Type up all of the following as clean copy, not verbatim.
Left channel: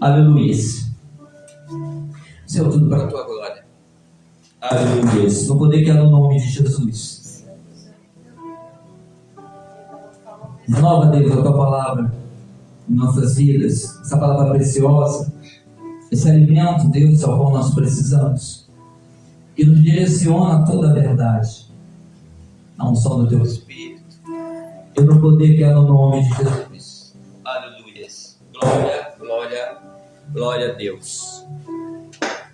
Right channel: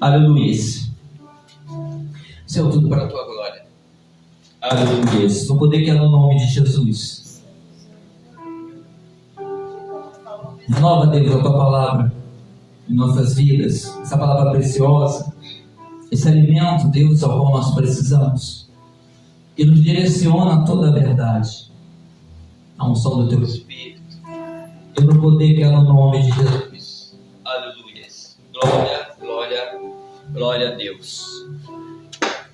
Aleluia. Senhor, tudo para a tua glória. Aleluia. No poder que é no nome de Jesus. Renova, Deus, a tua palavra em nossas vidas. Essa palavra preciosa. Esse alimento, Deus, ao qual nós precisamos. Que nos direciona a toda a verdade. A unção do teu Espírito. E no poder que é no nome de Jesus. Aleluia. Glória, glória, glória a Deus.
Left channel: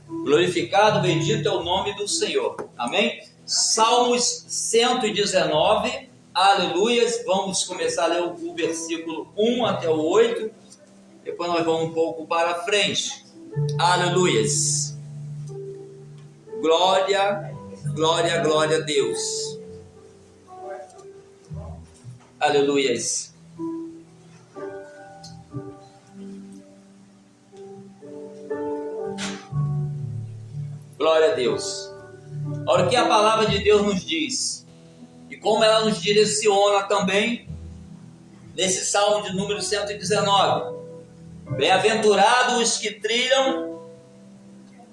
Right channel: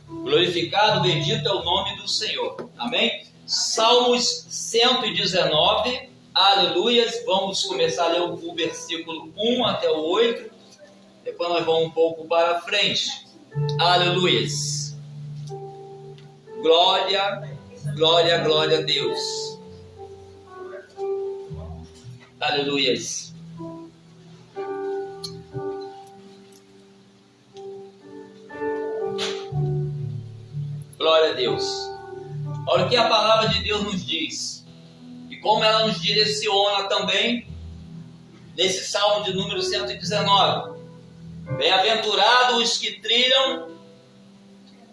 Glorificado, bendito é o nome do Senhor. Amém? Salmos 119. Aleluias. Vamos começar a ler o versículo 1 até o 8. Depois nós vamos um pouco para frente. Aleluias. Glória, glória, glória a Deus. Aleluias. Glória a Deus. Olha o que a palavra de Deus nos diz e como ela nos direciona também nesse salmo de número 119. Bem-aventurados os que trilham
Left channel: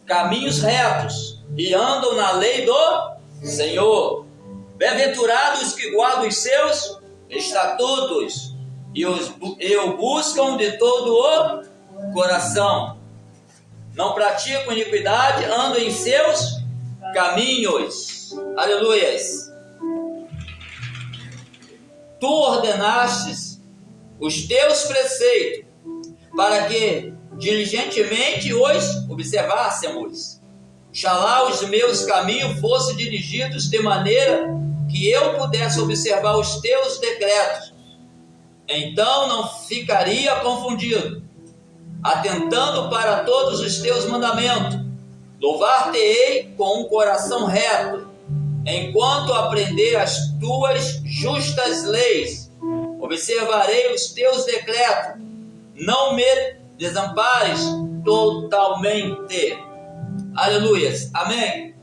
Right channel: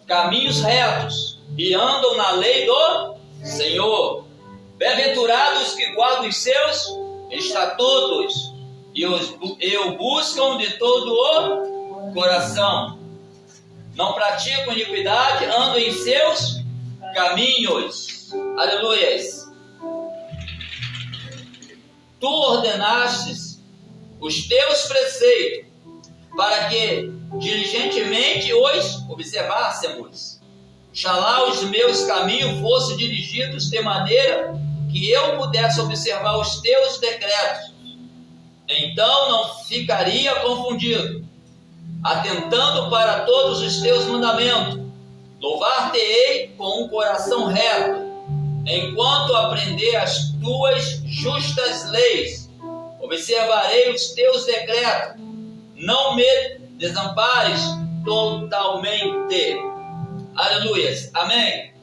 caminhos retos e andam na lei do Senhor. Bem-aventurados os que guardam os seus estatutos e o buscam de todo o coração. Não praticam iniquidade, andam em seus caminhos. Aleluias. Tu ordenastes os teus preceitos para que diligentemente os observássemos. Xalá os meus caminhos fossem dirigidos de maneira que eu pudesse observar os teus decretos. Então não ficaria confundido, atentando para todos os teus mandamentos. Louvar-te-ei com um coração reto, enquanto aprender as tuas justas leis. Observarei os teus decretos, não me desampares totalmente. Aleluias, amém?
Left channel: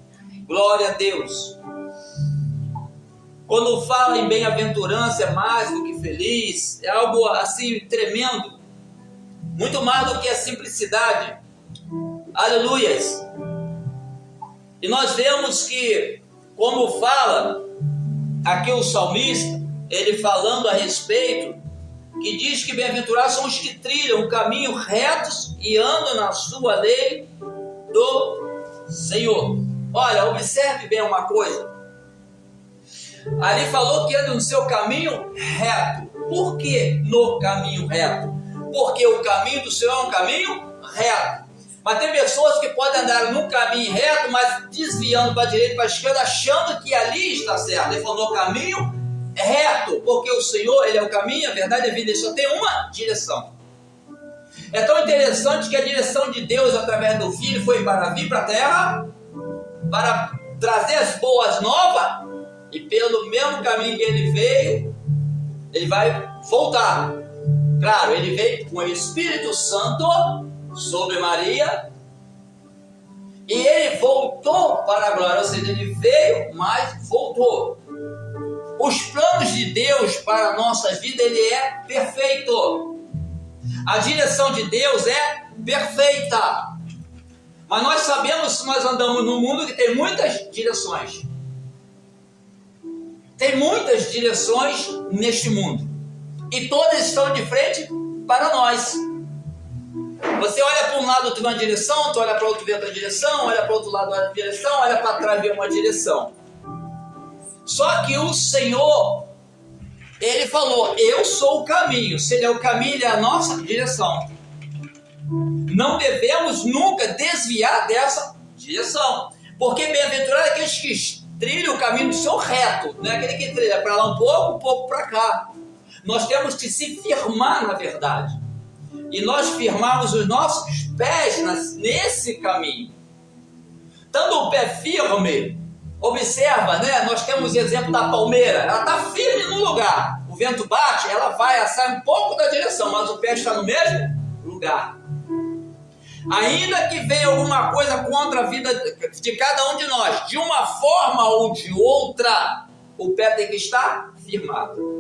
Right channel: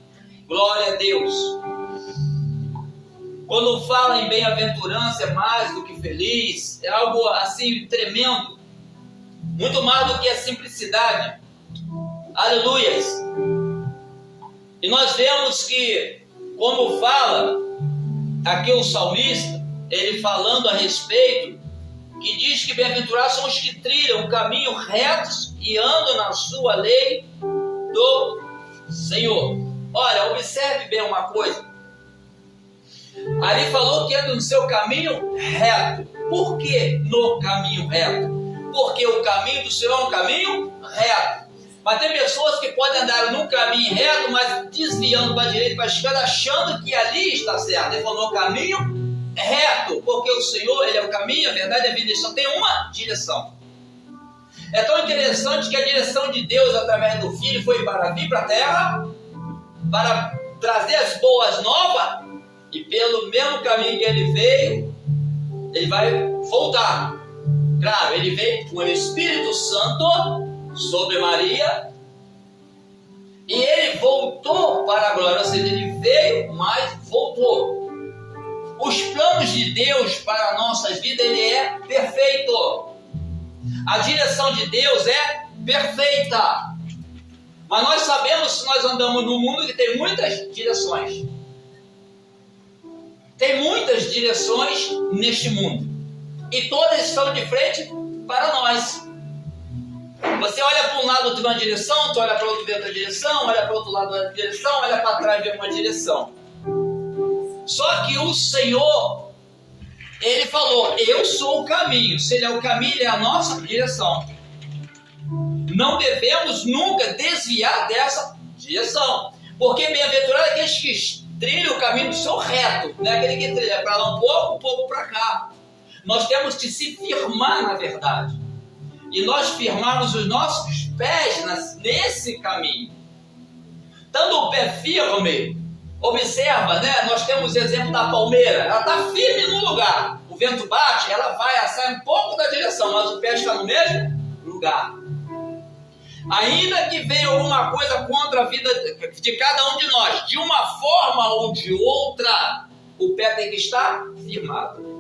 Glória a Deus. Quando fala em bem-aventurança é mais do que feliz, é algo assim tremendo, muito mais do que a simplicidade. Aleluias. E nós vemos que, como fala aqui o salmista, ele falando a respeito, que diz que bem-aventurados são os que trilham o caminho retos e andam na sua lei do Senhor. Olha, observe bem uma coisa. Ali falou que anda no seu caminho reto. Por que no caminho reto? Porque o caminho do Senhor é um caminho reto. Mas tem pessoas que podem andar num caminho reto, mas desviando para a direita e para a esquerda, achando que ali está certo. Ele falou no caminho reto, porque o Senhor, Ele é o caminho, a verdade e a vida. Ele só tem uma direção. É tão interessante que a direção de Deus através do Filho foi para vir para a terra, para trazer as boas novas, e pelo mesmo caminho que Ele veio, Ele vai voltar. Claro, Ele veio com o Espírito Santo sobre Maria, e Ele voltou para a glória, ou seja, Ele veio, mas voltou. Os planos de Deus para nossas vidas, Ele é perfeito. A direção de Deus é perfeita. Mas nós sabemos que nós andamos num mundo que tem muitas direções. Tem muitas direções neste mundo. E todas estão de frente para nós. Você olha para um lado, tu vê uma direção, tu olha para outro, vê outra direção, olha para o outro lado, outra direção, olha para trás, vê uma direção. Só que o Senhor, Ele falou, eu sou o caminho. Se Ele é o caminho, Ele é a nossa direção. Não devemos nunca desviar dessa direção. Porque bem-aventurado é aqueles que trilham o caminho do Senhor reto. Não é aquele que trilha para lá um pouco para cá. Nós temos que se firmar na verdade. E nós firmarmos os nossos pés nesse caminho. Estando o pé firme, observa, né? Nós temos o exemplo da palmeira. Ela está firme no lugar. O vento bate, ela sai um pouco da direção, mas o pé está no mesmo lugar. Ainda que venha alguma coisa contra a vida de cada um de nós, de uma forma ou de outra, o pé tem que estar firmado.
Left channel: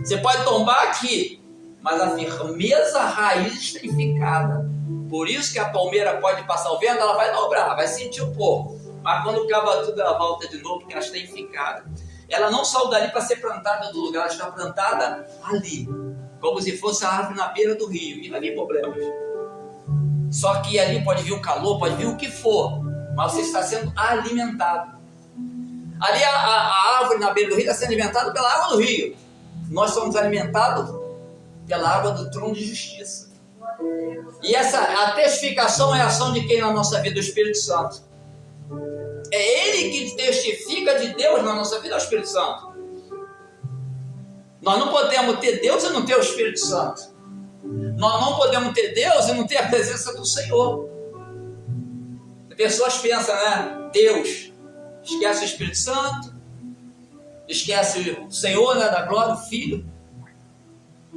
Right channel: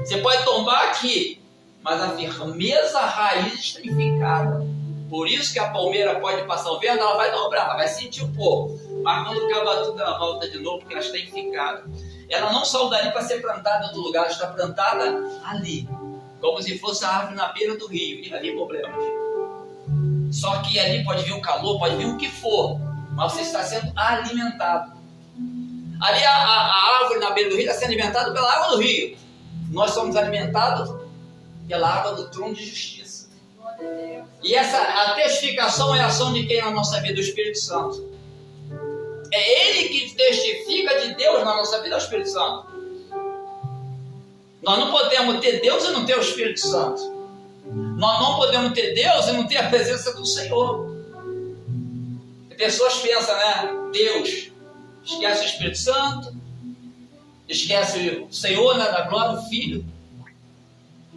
Você pode tombar aqui, mas a firmeza raiz está fincada. Por isso que a palmeira pode passar o vento, ela vai dobrar, vai sentir um pouco. Mas quando acaba tudo, ela volta de novo, porque ela está fincada. Ela não saiu dali para ser plantada do lugar, ela está plantada ali. Como se fosse a árvore na beira do rio. E vai vir problemas. Só que ali pode vir o calor, pode vir o que for. Mas você está sendo alimentado. Ali a árvore na beira do rio está sendo alimentada pela água do rio. Nós somos alimentados pela água do trono de justiça. E a testificação é a ação de quem na nossa vida? O Espírito Santo. É Ele que testifica de Deus na nossa vida, é o Espírito Santo. Nós não podemos ter Deus e não ter o Espírito Santo. Nós não podemos ter Deus e não ter a presença do Senhor. As pessoas pensam, né? Deus, esquece o Espírito Santo, esquece o Senhor, né, da glória, o Filho.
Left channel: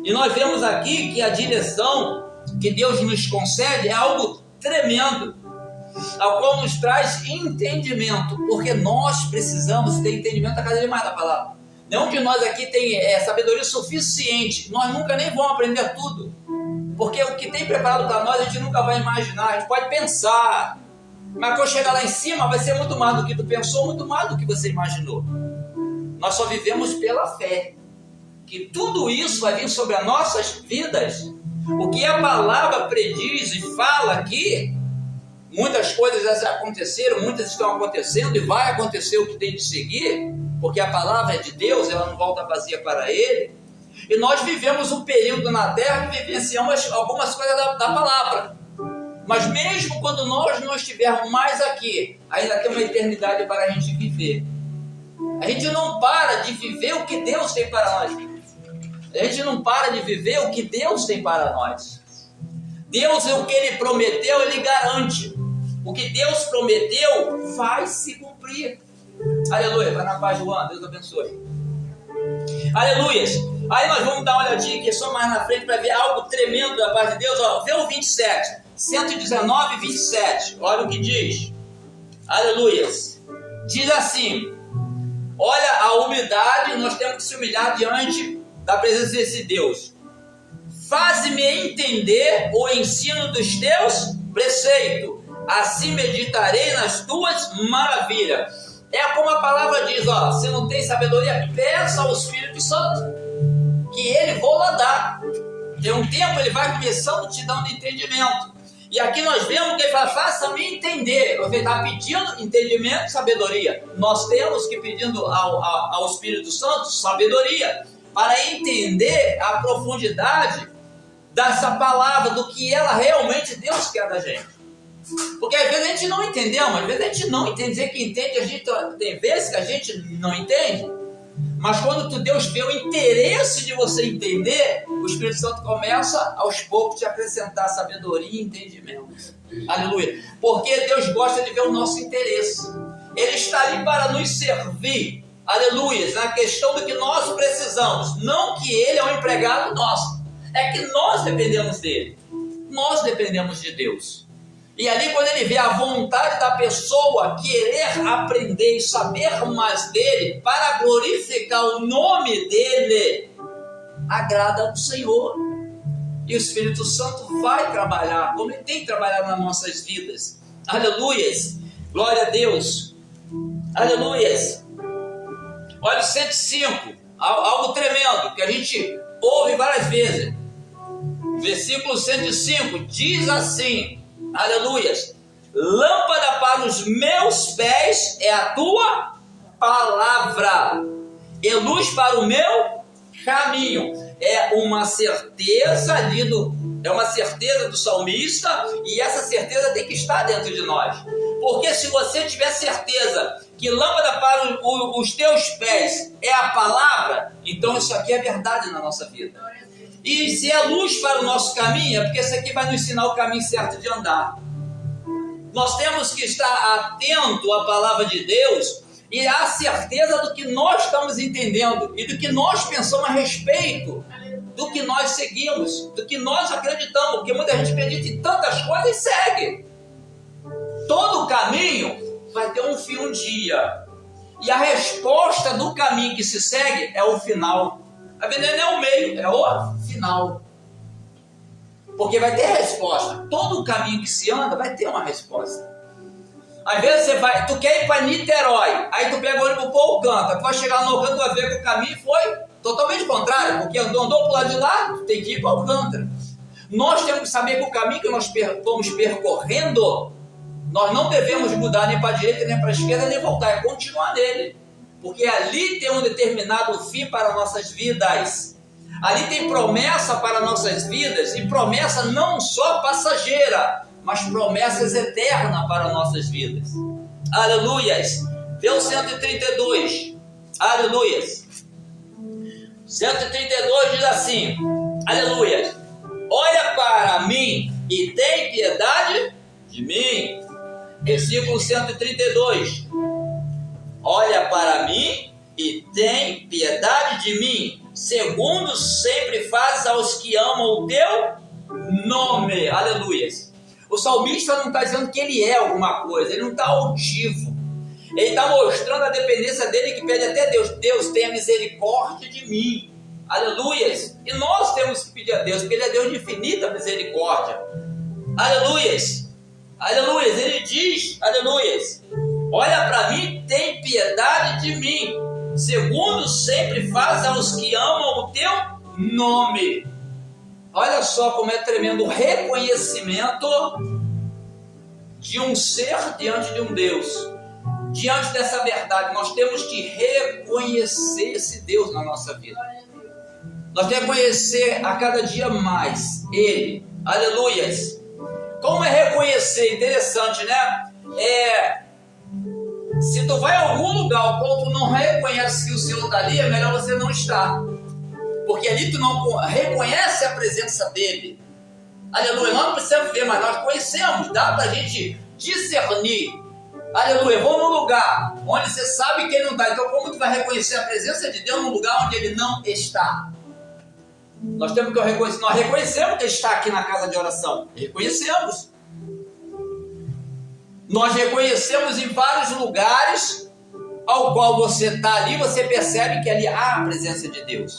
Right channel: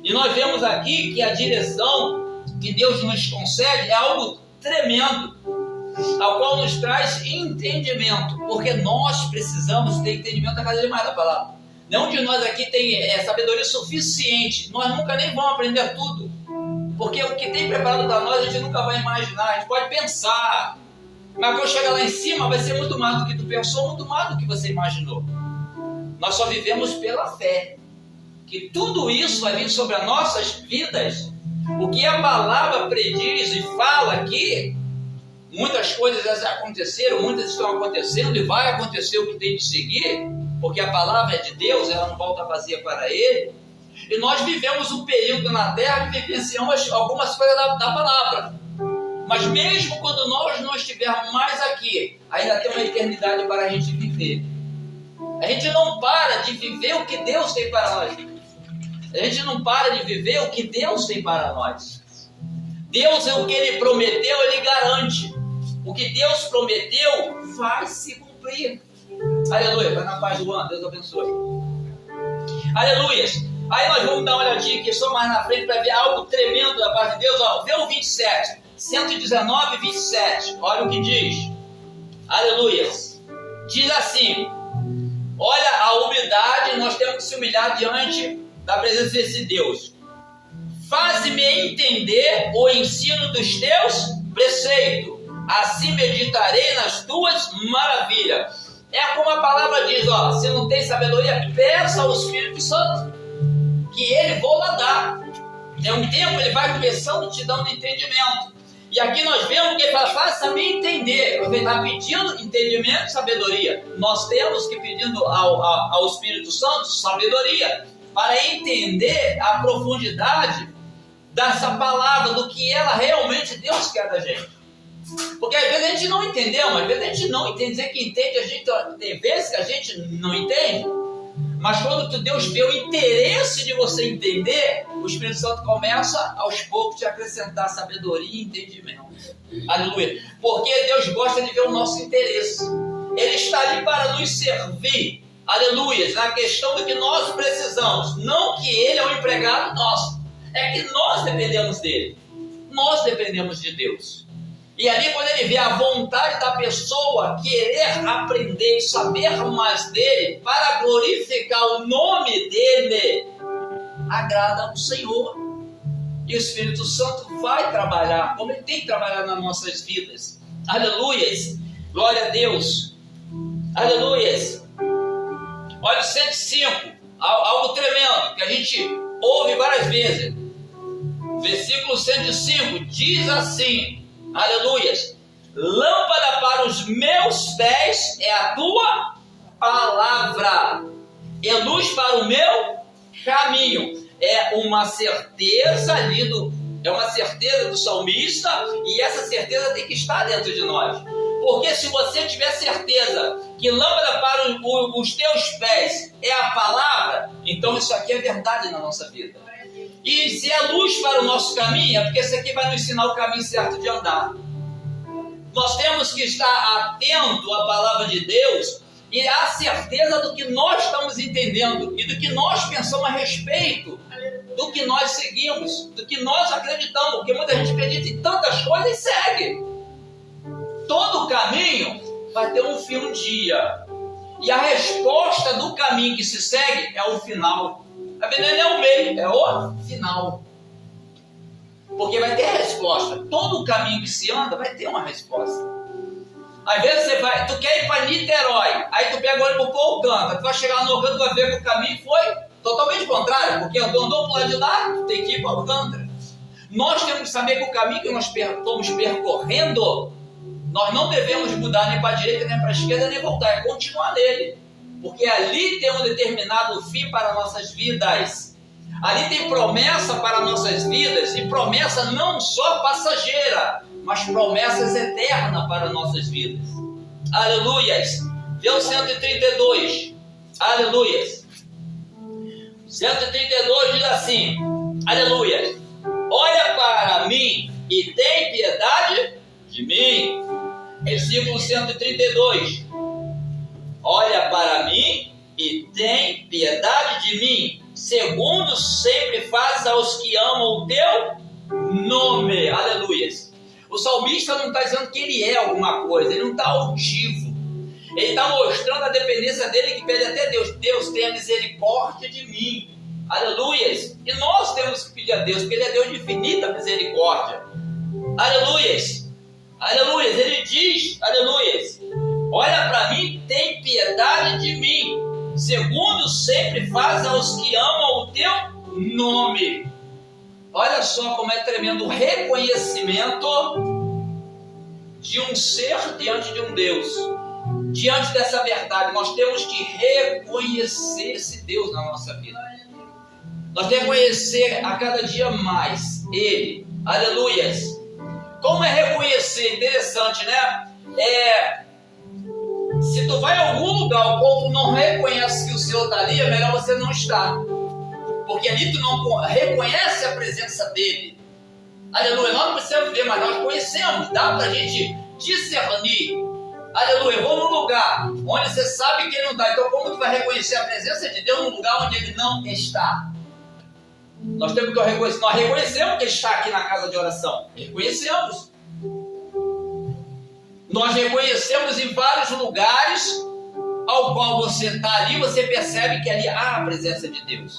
E nós vemos aqui que a direção que Deus nos concede é algo tremendo, ao qual nos traz entendimento, porque nós precisamos ter entendimento a cada vez mais da palavra. Nenhum de nós aqui tem sabedoria suficiente, nós nunca nem vamos aprender tudo, porque o que tem preparado para nós a gente nunca vai imaginar, a gente pode pensar, mas quando chegar lá em cima vai ser muito mais do que tu pensou, muito mais do que você imaginou. Nós só vivemos pela fé, que tudo isso vai vir sobre as nossas vidas. O que a palavra prediz e fala aqui, muitas coisas já aconteceram, muitas estão acontecendo e vai acontecer o que tem de seguir, porque a palavra é de Deus, ela não volta vazia para Ele. E nós vivemos um período na terra que vivenciamos algumas coisas da palavra. Mas mesmo quando nós não estivermos mais aqui, ainda tem uma eternidade para a gente viver. A gente não para de viver o que Deus tem para nós. A gente não para de viver o que Deus tem para nós. Deus, o que Ele prometeu, Ele garante. O que Deus prometeu vai se cumprir. Aleluia. Vai na paz, João. Deus abençoe. Aleluias. Aí nós vamos dar uma olhadinha aqui só mais na frente para ver algo tremendo da parte de Deus. Ó, vê o 27. 119, 27. Olha o que diz. Aleluias. Diz assim: olha a humildade, nós temos que se humilhar diante da presença desse Deus. Faze-me entender o ensino dos teus preceitos, assim meditarei nas tuas maravilhas. É como a palavra diz, ó, se não tem sabedoria, peça ao Espírito Santo, que Ele vou lá dar. Tem um tempo, Ele vai começando te dando entendimento. E aqui nós vemos que Ele fala, faça-me entender. Você está pedindo entendimento e sabedoria. Nós temos que pedindo ao Espírito Santo sabedoria, para entender a profundidade dessa palavra, do que ela realmente Deus quer da gente. Porque às vezes a gente não entendeu, mas às vezes a gente não entende. Dizer que entende, a gente tem vezes que a gente não entende. Mas quando Deus vê o interesse de você entender, o Espírito Santo começa aos poucos te acrescentar sabedoria e entendimento. Aleluia. Porque Deus gosta de ver o nosso interesse. Ele está ali para nos servir. Aleluia. Na questão do que nós precisamos. Não que Ele é um empregado nosso. É que nós dependemos dele. Nós dependemos de Deus. E ali quando Ele vê a vontade da pessoa querer aprender e saber mais dele, para glorificar o nome dele, agrada ao Senhor. E o Espírito Santo vai trabalhar, como Ele tem trabalhado nas nossas vidas. Aleluias. Glória a Deus. Aleluias. Olha o 105. Algo tremendo, que a gente ouve várias vezes. Versículo 105 diz assim: aleluias, lâmpada para os meus pés é a tua palavra, e luz para o meu caminho. É uma certeza ali é uma certeza do salmista, e essa certeza tem que estar dentro de nós. Porque se você tiver certeza que lâmpada para os teus pés é a palavra, então isso aqui é verdade na nossa vida. E se é luz para o nosso caminho, é porque isso aqui vai nos ensinar o caminho certo de andar. Nós temos que estar atento à palavra de Deus e à certeza do que nós estamos entendendo e do que nós pensamos a respeito do que nós seguimos, do que nós acreditamos, porque muita gente acredita em tantas coisas e segue. Todo o caminho vai ter um fim um dia, e a resposta do caminho que se segue é o final. A vida não é o meio, é o final. Porque vai ter resposta. Todo caminho que se anda vai ter uma resposta. Às vezes tu quer ir para Niterói, aí tu pega o ônibus para o Alcântara, tu vai chegar no Alcântara, tu vai ver que o caminho foi totalmente contrário, porque andou para o lado de lá, tu tem que ir para o Alcântara. Nós temos que saber que o caminho que nós estamos percorrendo, nós não devemos mudar nem para a direita, nem para a esquerda, nem voltar, é continuar nele. Porque ali tem um determinado fim para nossas vidas. Ali tem promessa para nossas vidas, e promessa não só passageira, mas promessas eternas para nossas vidas. Aleluias. Vê o 132. Aleluias. 132 diz assim: aleluias. Olha para mim e tem piedade de mim. Versículo 132. Olha para mim e tem piedade de mim, segundo sempre fazes aos que amam o teu nome. Aleluias. O salmista não está dizendo que ele é alguma coisa, ele não está altivo. Ele está mostrando a dependência dele, que pede até Deus: Deus, tenha misericórdia de mim. Aleluias. E nós temos que pedir a Deus, porque Ele é Deus de infinita misericórdia. Aleluias. Aleluias. Ele diz, aleluias: olha para mim, tem piedade de mim, segundo sempre faz aos que amam o teu nome. Olha só como é tremendo o reconhecimento de um ser diante de um Deus. Diante dessa verdade, nós temos que reconhecer esse Deus na nossa vida. Nós temos que conhecer a cada dia mais Ele. Aleluias. Como é reconhecer? Interessante, né? Se tu vai a algum lugar ao qual tu não reconhece que o Senhor está ali, é melhor você não estar. Porque ali tu não reconhece a presença dEle. Aleluia. Nós não precisamos ver, mas nós conhecemos. Dá para a gente discernir. Aleluia. Eu vou num lugar onde você sabe que Ele não está. Então como tu vai reconhecer a presença de Deus num lugar onde Ele não está? Nós temos que reconhecer. Nós reconhecemos que Ele está aqui na casa de oração. Reconhecemos. Nós reconhecemos em vários lugares ao qual você está ali, você percebe que ali há a presença de Deus.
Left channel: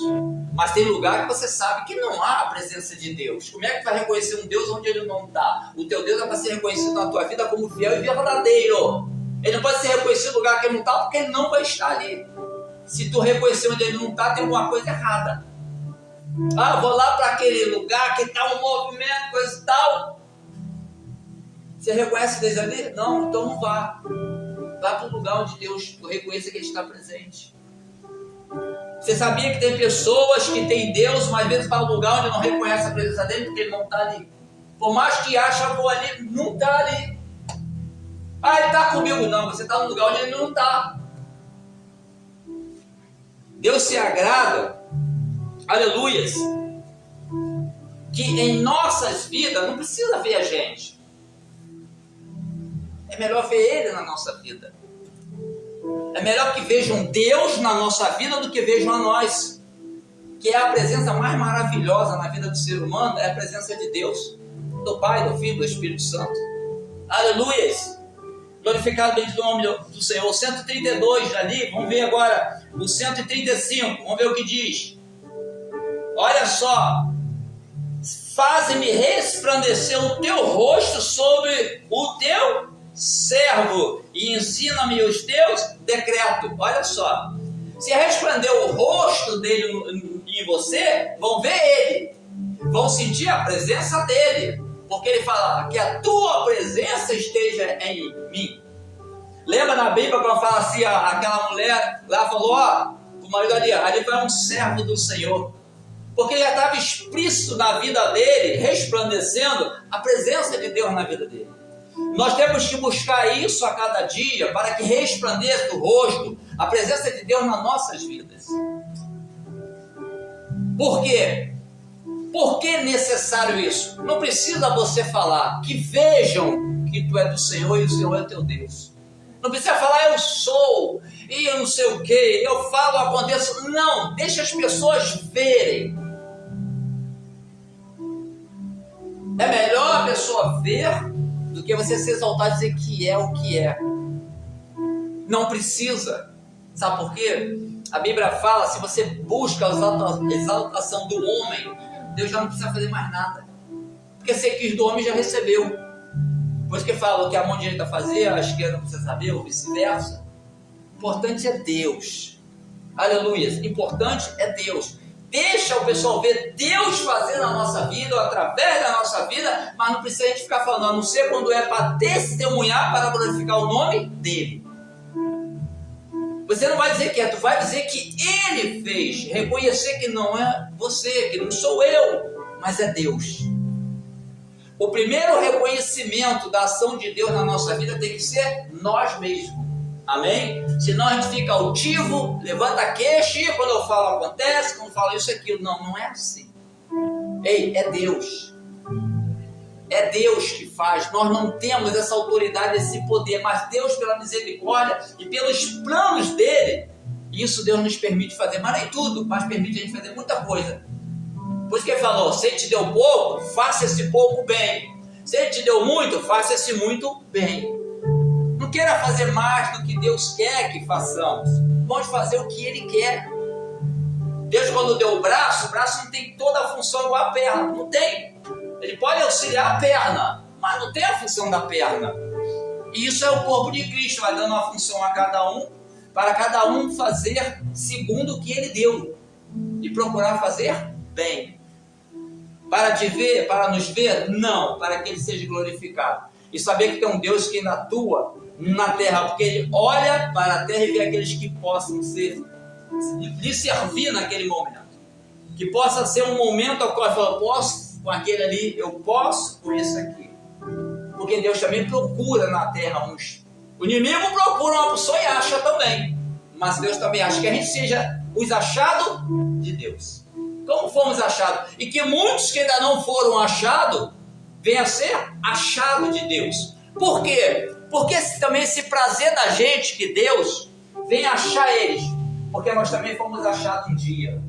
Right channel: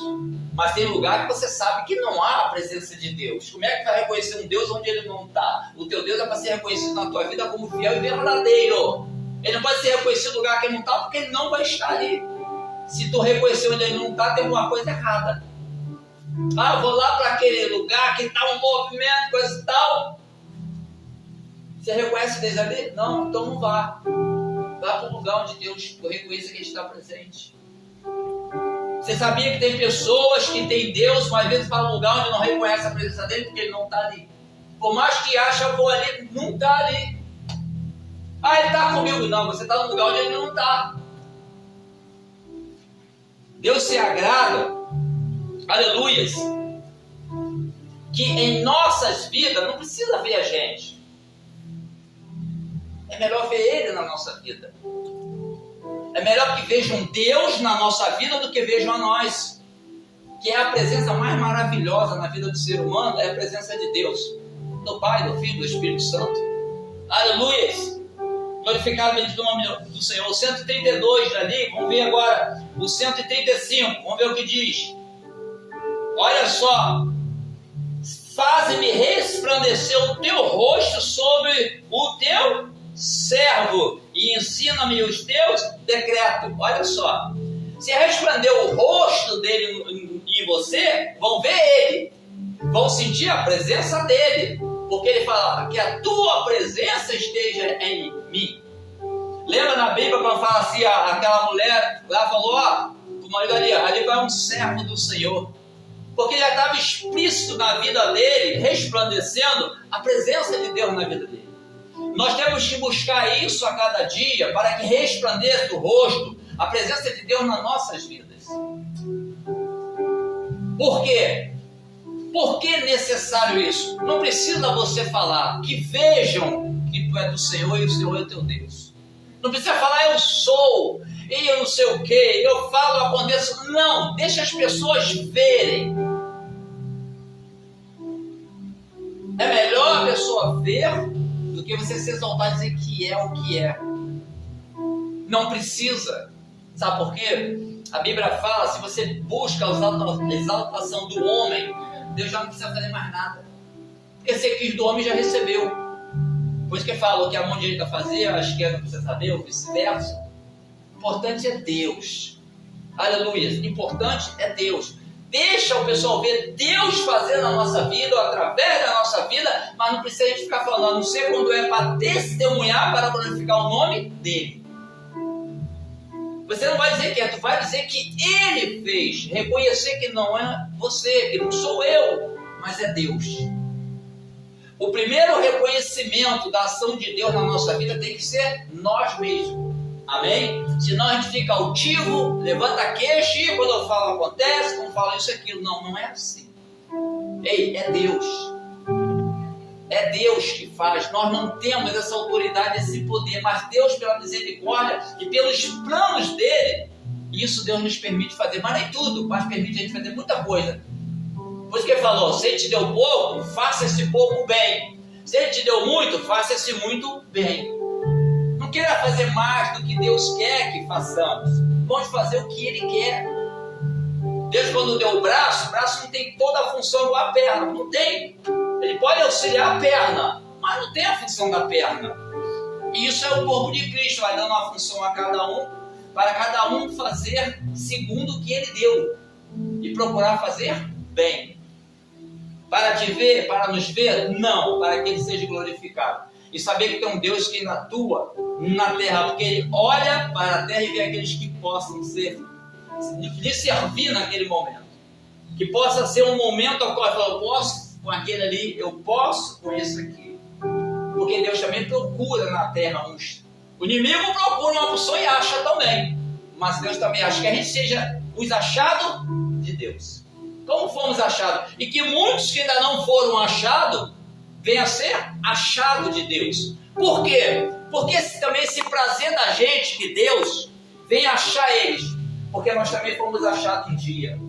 Mas tem lugar que você sabe que não há a presença de Deus. Como é que vai reconhecer um Deus onde Ele não está? O teu Deus é para ser reconhecido na tua vida como fiel e verdadeiro. Ele não pode ser reconhecido no lugar que Ele não está, porque Ele não vai estar ali. Se tu reconhecer onde Ele não está, tem alguma coisa errada. Eu vou lá para aquele lugar que está um movimento, coisa e tal. Você reconhece Deus ali? Não, então não vá. Vá para o lugar onde Deus reconheça que Ele está presente. Você sabia que tem pessoas que têm Deus, mas às vezes para um lugar onde não reconhece a presença dEle porque Ele não está ali. Por mais que ache, vou ali, não está ali. Ele está comigo. Não, você está no lugar onde Ele não está. Deus se agrada, aleluias, que em nossas vidas não precisa ver a gente. É melhor ver Ele na nossa vida. É melhor que vejam Deus na nossa vida do que vejam a nós. Que é a presença mais maravilhosa na vida do ser humano, é a presença de Deus, do Pai, do Filho, do Espírito Santo. Aleluias! Glorificado bendito o nome do Senhor. O 132 ali, vamos ver agora o 135, vamos ver o que diz. Olha só: faze-me resplandecer o teu rosto sobre o teu servo e ensina-me os teus decretos. Olha só, se resplandecer o rosto dele em você, vão ver ele, vão sentir a presença dele, porque ele fala que a tua presença esteja em mim. Lembra na Bíblia quando fala assim, aquela mulher lá falou: o marido ali vai um servo do Senhor, porque já estava explícito na vida dele, resplandecendo a presença de Deus na vida dele. Nós temos que buscar isso a cada dia, para que resplandeça o rosto, a presença de Deus nas nossas vidas. Por quê? Por que é necessário isso? Não precisa você falar, que vejam que tu é do Senhor e o Senhor é teu Deus. Não precisa falar, eu sou, e eu não sei o que, eu falo, aconteço. Não, deixa as pessoas verem. É melhor a pessoa ver do que você se exaltar e dizer que é o que é. Não precisa. Sabe por quê? A Bíblia fala, se você busca a exaltação do homem, Deus já não precisa fazer mais nada. Porque você quis do homem, já recebeu. Por isso que fala, o que a mão direita fazer, a esquerda não precisa saber, ou vice-versa. O importante é Deus. Aleluia. O importante é Deus. Deixa o pessoal ver Deus fazendo na nossa vida, ou através da nossa vida, mas não precisa a gente ficar falando, a não ser quando é para testemunhar, para glorificar o nome dele. Você não vai dizer que é, tu vai dizer que ele fez. Reconhecer que não é você, que não sou eu, mas é Deus. O primeiro reconhecimento da ação de Deus na nossa vida tem que ser nós mesmos. Amém? Senão a gente fica altivo, levanta a queixa e quando eu falo acontece, quando eu falo isso e aquilo. Não, não é assim. Ei, é Deus. É Deus que faz. Nós não temos essa autoridade, esse poder, mas Deus, pela misericórdia e pelos planos dele, isso Deus nos permite fazer. Mas nem tudo, mas permite a gente fazer muita coisa. Por isso que ele falou, se ele te deu pouco, faça esse pouco bem. Se ele te deu muito, faça esse muito bem. Não queira fazer mais do que Deus quer que façamos. Vamos fazer o que ele quer. Deus, quando deu o braço não tem toda a função igual a perna. Não tem. Ele pode auxiliar a perna, mas não tem a função da perna. E isso é o corpo de Cristo, vai dando uma função a cada um, para cada um fazer segundo o que ele deu. E procurar fazer bem. Para te ver, para nos ver? Não, para que ele seja glorificado. E saber que tem um Deus que ainda atua na terra, porque ele olha para a terra e vê aqueles que possam lhe servir naquele momento. Que possa ser um momento ao qual ele fala, eu posso com aquele ali, eu posso com isso aqui. Porque Deus também procura na terra uns. O inimigo procura uma pessoa e acha também. Mas Deus também acha que a gente seja os achados de Deus. Como fomos achados? E que muitos que ainda não foram achados, venham a ser achados de Deus. Por quê? Porque também esse prazer da gente, que Deus venha achar eles. Porque nós também fomos achados um dia.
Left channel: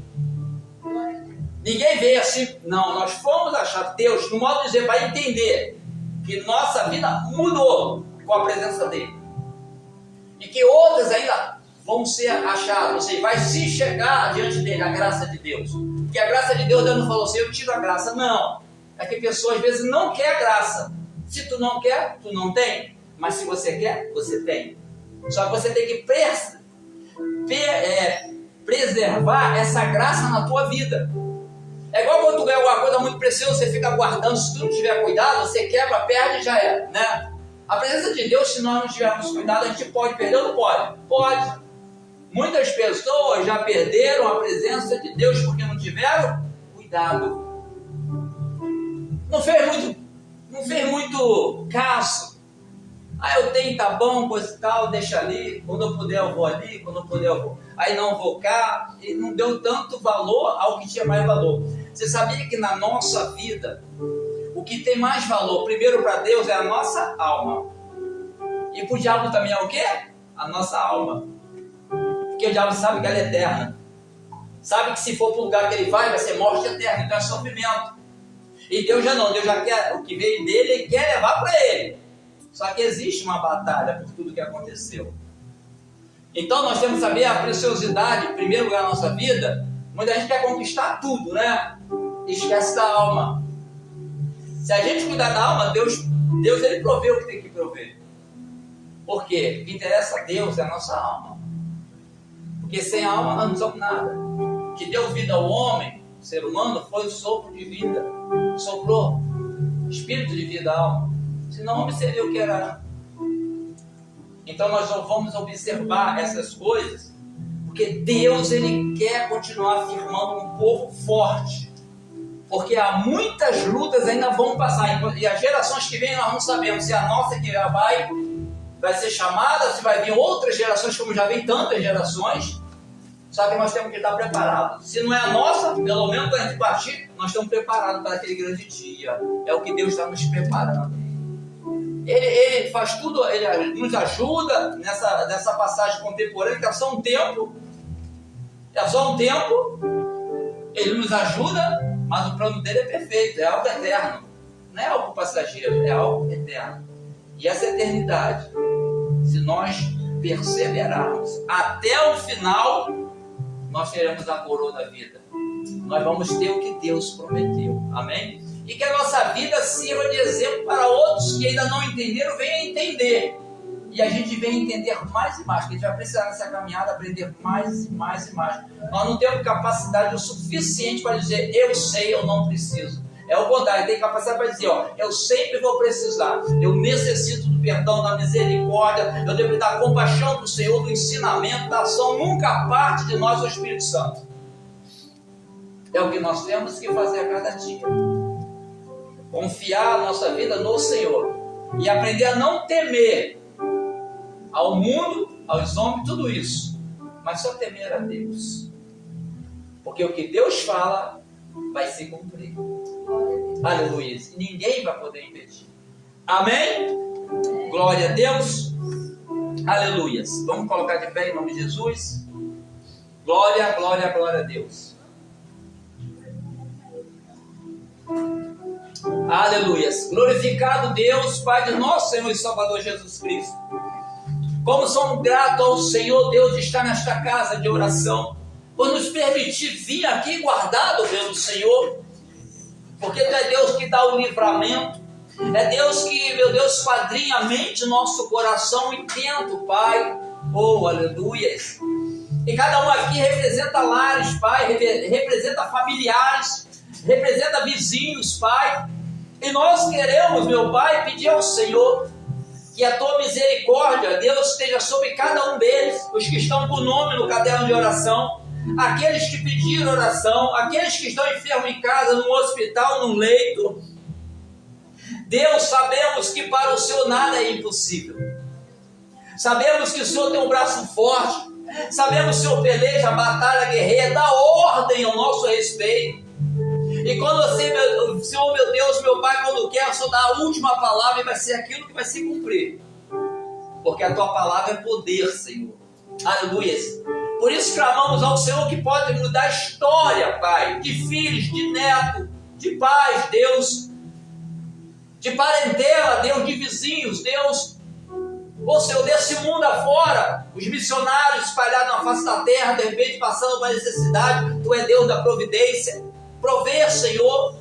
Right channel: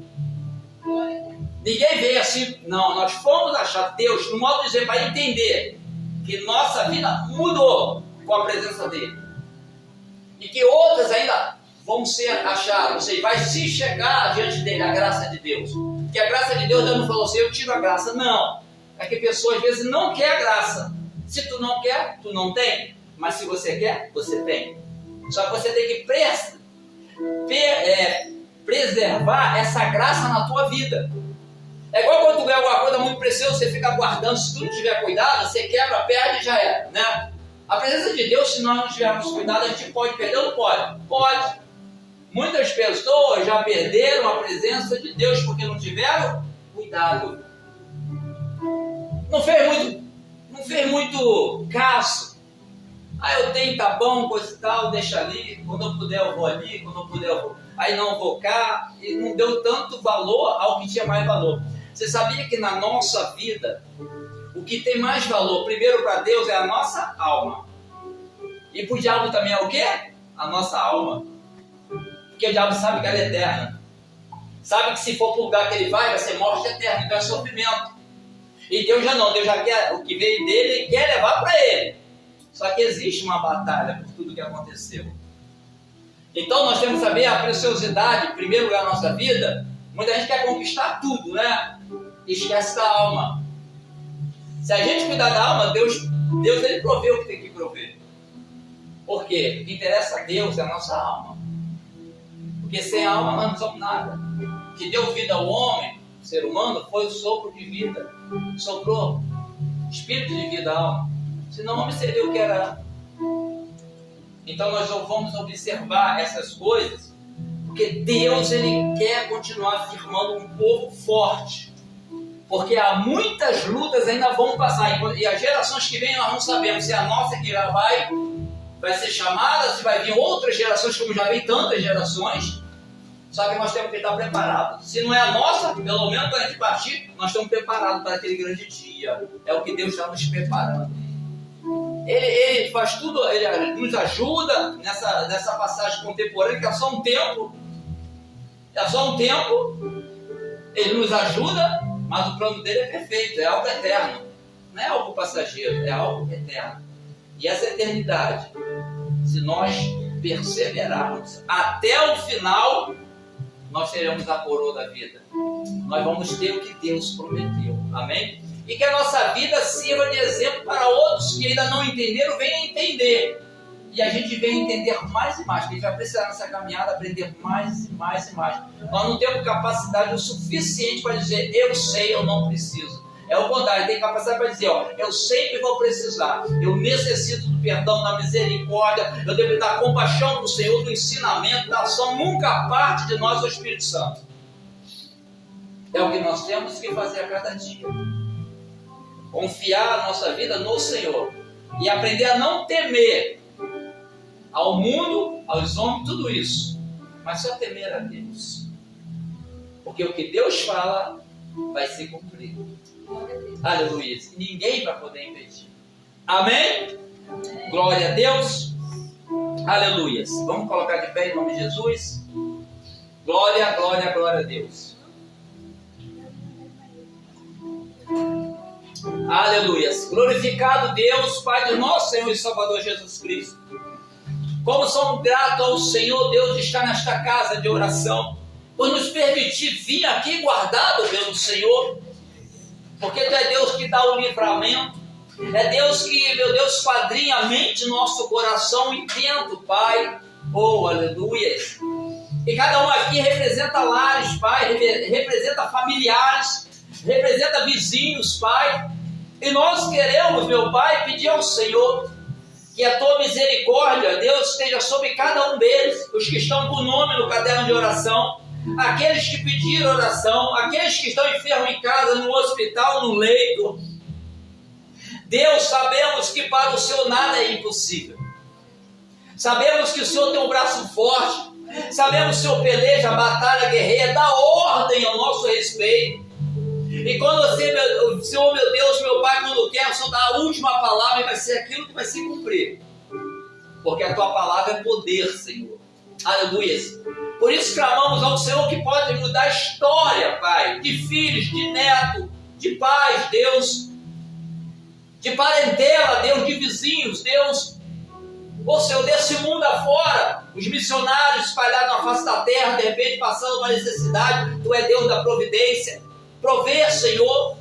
Ninguém veio assim, não, nós fomos achados. Deus, no modo de dizer, para entender que nossa vida mudou com a presença dele. E que outras ainda vão ser achadas, ou seja, vai se chegar diante dele, a graça de Deus. Porque a graça de Deus, Deus não falou assim, eu tiro a graça. Não, é que a pessoa às vezes não quer a graça. Se tu não quer, tu não tem. Mas se você quer, você tem. Só que você tem que preservar essa graça na tua vida. É igual quando tu ganha alguma coisa muito preciosa, você fica guardando, se tu não tiver cuidado, você quebra, perde e já é, né? A presença de Deus, se nós não tivermos cuidado, a gente pode perder ou não pode? Pode. Muitas pessoas já perderam a presença de Deus porque não tiveram cuidado. Não fez muito caso. Eu tenho, tá bom, coisa e tal, deixa ali, quando eu puder eu vou ali, quando eu puder eu vou. Aí não vou cá, e não deu tanto valor ao que tinha mais valor. Você sabia que na nossa vida, o que tem mais valor, primeiro para Deus, é a nossa alma. E para o diabo também é o quê? A nossa alma. Porque o diabo sabe que ela é eterna. Sabe que se for para o lugar que ele vai ser morte eterna, então é sofrimento. E Deus já não, Deus já quer o que veio dele, ele quer levar para ele. Só que existe uma batalha por tudo que aconteceu. Então nós temos que saber a preciosidade, em primeiro lugar, na nossa vida. Muita gente quer conquistar tudo, né? E esquece da alma. Se a gente cuidar da alma, Deus ele provê o que tem que prover. Por quê? O que interessa a Deus é a nossa alma. Porque sem a alma nós não somos nada. O que deu vida ao homem, o ser humano, foi o sopro de vida. Soprou espírito de vida à alma. Senão o homem seria o que era. Então nós vamos observar essas coisas, porque Deus ele quer continuar firmando um povo forte. Porque há muitas lutas ainda vão passar. E as gerações que vêm nós não sabemos se a nossa que já vai ser chamada, se vai vir outras gerações, como já vem tantas gerações. Só que nós temos que estar preparados. Se não é a nossa, pelo menos quando a gente partir, nós estamos preparados para aquele grande dia. É o que Deus está nos preparando. Ele faz tudo, ele nos ajuda nessa passagem contemporânea, que é só um tempo. Ele nos ajuda, mas o plano dele é perfeito, é algo eterno. Não é algo passageiro, é algo eterno. E essa eternidade, se nós perseverarmos até o final, nós teremos a coroa da vida. Nós vamos ter o que Deus prometeu. Amém? E que a nossa vida sirva de exemplo para outros que ainda não entenderam, venham a entender. E a gente venha entender mais e mais, porque a gente vai precisar nessa caminhada aprender mais e mais e mais. Nós não temos capacidade o suficiente para dizer, eu sei, eu não preciso. É o contrário, tem capacidade para dizer, ó, eu sempre vou precisar, eu necessito do perdão, da misericórdia, eu devo dar compaixão para o Senhor, do ensinamento, da ação, nunca parte de nós o Espírito Santo. É o que nós temos que fazer a cada dia. Confiar a nossa vida no Senhor e aprender a não temer ao mundo, aos homens, tudo isso, mas só temer a Deus, porque o que Deus fala vai se cumprir. Aleluia. Ninguém vai poder impedir. Amém? Glória a Deus. Aleluia. Vamos colocar de pé em nome de Jesus. Glória, glória, glória a Deus. Aleluia. Glorificado Deus, Pai de nosso Senhor e Salvador Jesus Cristo. Como somos gratos ao Senhor Deus de estar nesta casa de oração, por nos permitir vir aqui guardado pelo Senhor, porque Tu é Deus que dá o livramento, é Deus que, meu Deus, esquadrinha a mente, nosso coração intento, Pai, oh, aleluia. E cada um aqui representa lares, Pai, representa familiares, representa vizinhos, Pai, e nós queremos, meu Pai, pedir ao Senhor que a Tua misericórdia, Deus, esteja sobre cada um deles, os que estão com o nome no caderno de oração, aqueles que pediram oração, aqueles que estão enfermos em casa, no hospital, no leito. Deus, sabemos que para o Senhor nada é impossível. Sabemos que o Senhor tem um braço forte, sabemos que o Senhor peleja a batalha guerreira, dá ordem ao nosso respeito. E quando você, Senhor, meu Deus, meu Pai, quando quer, o Senhor dá a última palavra e vai ser aquilo que vai se cumprir. Porque a Tua palavra é poder, Senhor. Aleluia. Por isso clamamos ao Senhor que pode mudar a história, Pai, de filhos, de netos, de pais, Deus, de parentela, Deus, de vizinhos, Deus. Ô Senhor, desse mundo afora, os missionários espalhados na face da terra, de repente passando uma necessidade, Tu é Deus da providência. Prover, Senhor,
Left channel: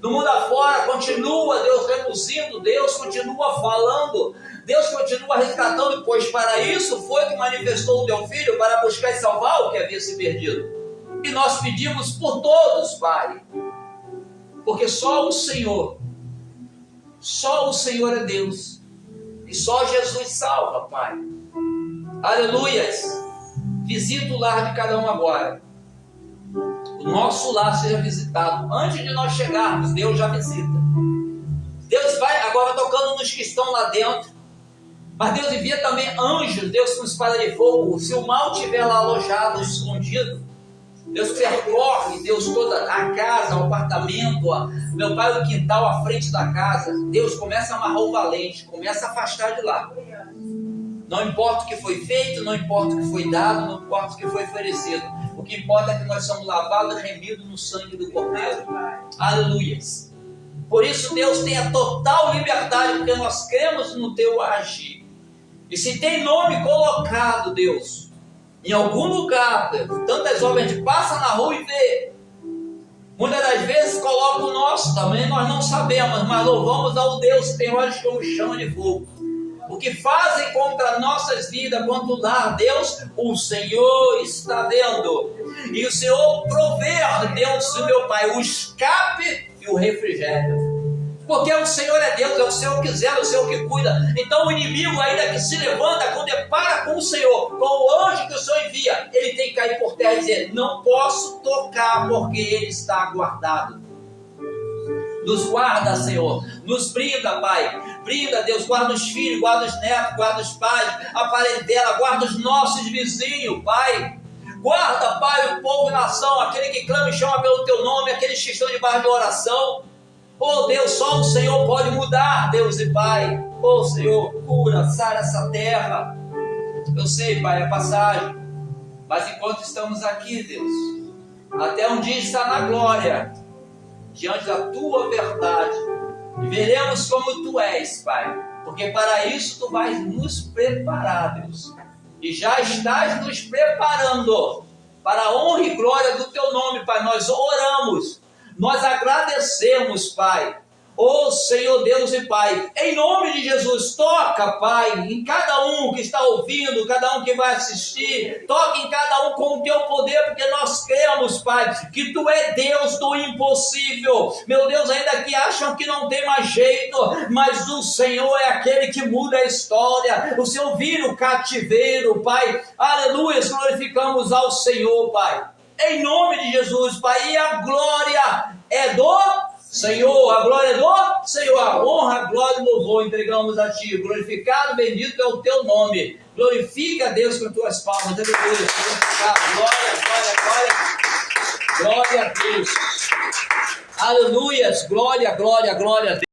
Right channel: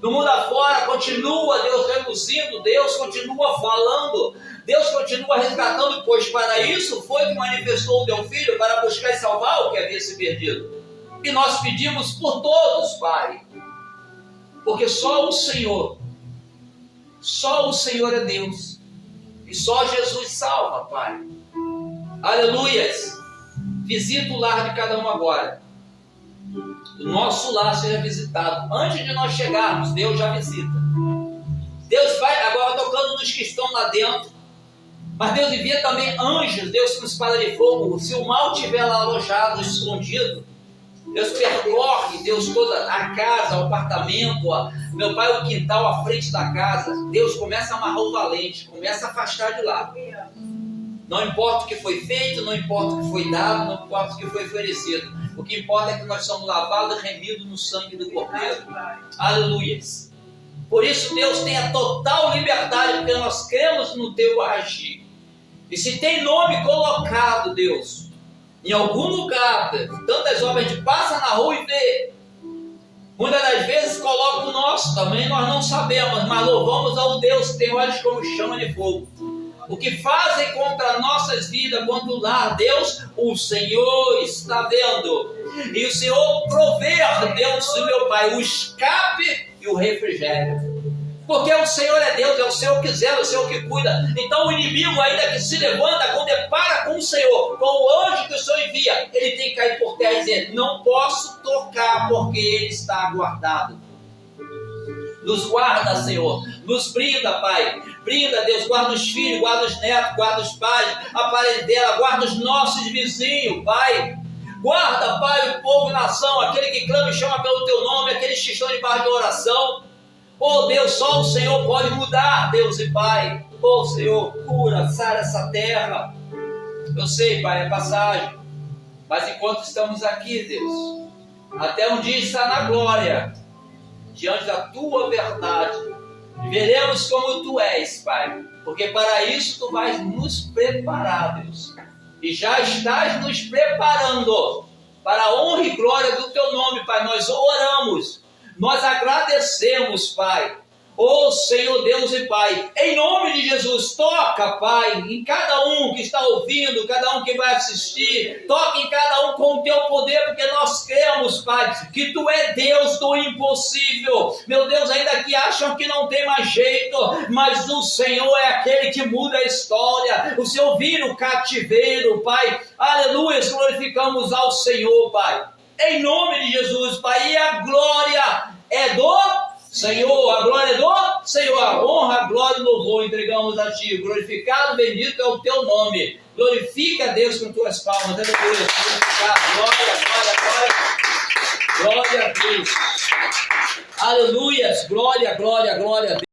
no mundo afora, continua, Deus, reduzindo, Deus continua falando, Deus continua resgatando, pois para isso foi que manifestou o Teu Filho, para buscar e salvar o que havia se perdido. E nós pedimos por todos, Pai, porque só o Senhor é Deus, e só Jesus salva, Pai. Aleluias. Visita o lar de cada um agora. O nosso lar seja visitado. Antes de nós chegarmos, Deus já visita. Deus vai agora tocando nos que estão lá dentro. Mas Deus envia também anjos, Deus com espada de fogo. Se o mal estiver lá alojado, escondido, Deus percorre, Deus, toda a casa, o apartamento, meu Pai, o quintal à frente da casa. Deus começa a amarrar o valente, começa a afastar de lá. Não importa o que foi feito, não importa o que foi dado, não importa o que foi oferecido. O que importa é que nós somos lavados e remidos no sangue do Cordeiro. Aleluia. Por isso Deus tem a total liberdade, porque nós cremos no Teu agir. E se tem nome colocado, Deus, em algum lugar, tantas obras a gente passa na rua e vê. Muitas das vezes coloca o nosso também, nós não sabemos, mas louvamos ao Deus que tem olhos como chama de fogo. O que fazem contra nossas vidas, contra o lar, Deus, o Senhor está vendo. E o Senhor prover, Deus, meu Pai, o escape e o refrigério. Porque o Senhor é Deus, é o Senhor que zela, é o Senhor que cuida. Então o inimigo ainda que se levanta, quando depara com o Senhor, com o anjo que o Senhor envia, ele tem que cair por terra e dizer, não posso tocar porque ele está guardado. Nos guarda, Senhor, nos brinda, Pai. Brinda, Deus, guarda os filhos, guarda os netos, guarda os pais, a parentela, guarda os nossos vizinhos, Pai. Guarda, Pai, o povo e nação, aquele que clama e chama pelo Teu nome, aqueles que estão debaixo de oração. Oh Deus, só o Senhor pode mudar, Deus e Pai. Oh Senhor, cura, sara essa terra. Eu sei, Pai, é passagem, mas enquanto estamos aqui, Deus, até um dia estar na glória, diante da Tua verdade, e veremos como Tu és, Pai, porque para isso Tu vais nos preparar, Deus, e já estás nos preparando para a honra e glória do teu nome, Pai. Nós oramos, nós agradecemos, Pai. Ô Senhor Deus e Pai, em nome de Jesus, toca, Pai, em cada um que está ouvindo, cada um que vai assistir, toque em cada um com o teu poder, porque nós cremos, Pai, que Tu é Deus do impossível. Meu Deus, ainda que acham que não tem mais jeito, mas o Senhor é aquele que muda a história. O Senhor vira o cativeiro, Pai. Aleluia, glorificamos ao Senhor, Pai. Em nome de Jesus, Pai, e a glória é do Senhor, a glória é do Senhor, a honra, a glória e louvor entregamos a Ti. Glorificado, bendito é o Teu nome. Glorifica a Deus com Tuas palmas. Aleluia. Glorificado. Glória, glória, glória. Glória a Deus. Aleluias. Glória, glória, glória a Deus.